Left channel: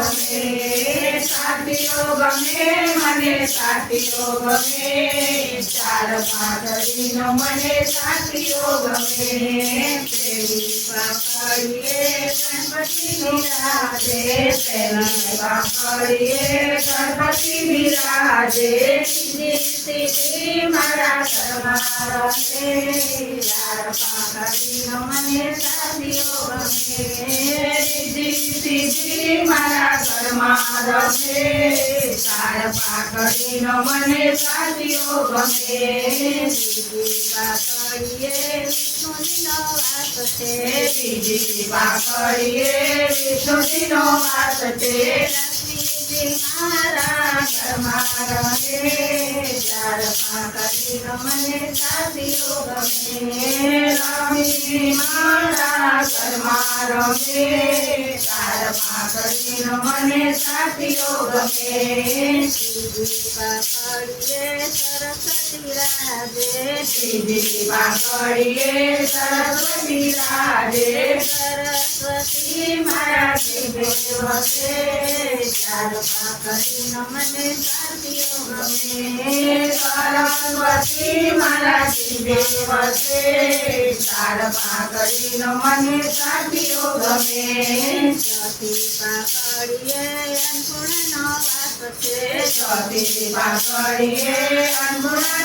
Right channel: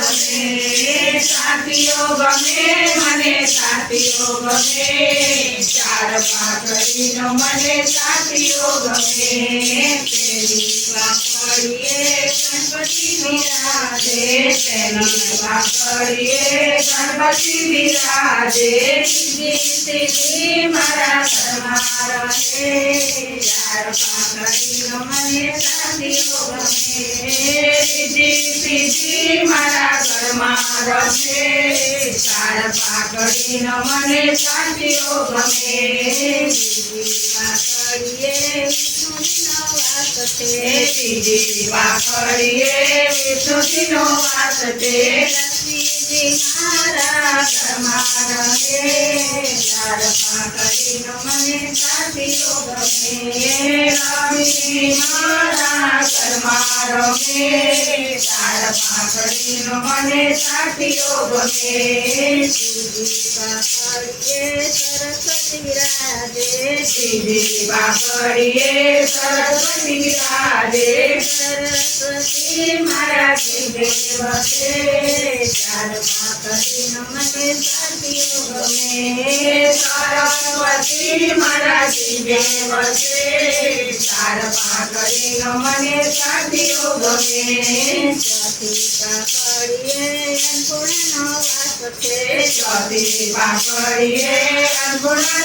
ગમે સાથીઓ ગમે મને સાથીઓ ગમે ચાર પાઘડીનો મને સાથીઓ ગમે પેલી પાઘડીએ ગણપતિ બિરાજે પેલી પાઘડીએ ગણપતિ બિરાજે સીધી મારા ઘરમાં રહે ચાર પાઘડીનો મને સાથીઓ ગમે સીધી મારા ઘરમાં રહે ચાર પાઘડીનો મને સાથીઓ ગમે બીજી પાઘડીએ વિષ્ણુજીનો વાસ છે લક્ષ્મીજી મારા ઘરમાં રહે ચાર પાઘડીનો મને સાથીઓ ગમે લક્ષ્મીજી મારા ઘરમાં રહે ચાર પાઘડીનો મને સાથીઓ ગમે સીધી પાઘડીએ સરસ્વતી બિરાજે સીધી પાઘડીએ સરસ્વતી બિરાજે સરસ્વતી મારા દેવ છે ચાર પાઘડીનો મને સાથીઓ ગમે સરસ્વતી મારા દેવ છે ચાર પાઘડીનો મને સાથીઓ ગમે ચોથી પાઘડીએ અન્નપૂર્ણાનો વાસ છે ચોથી પાઘડીએ અન્નપૂર્ણા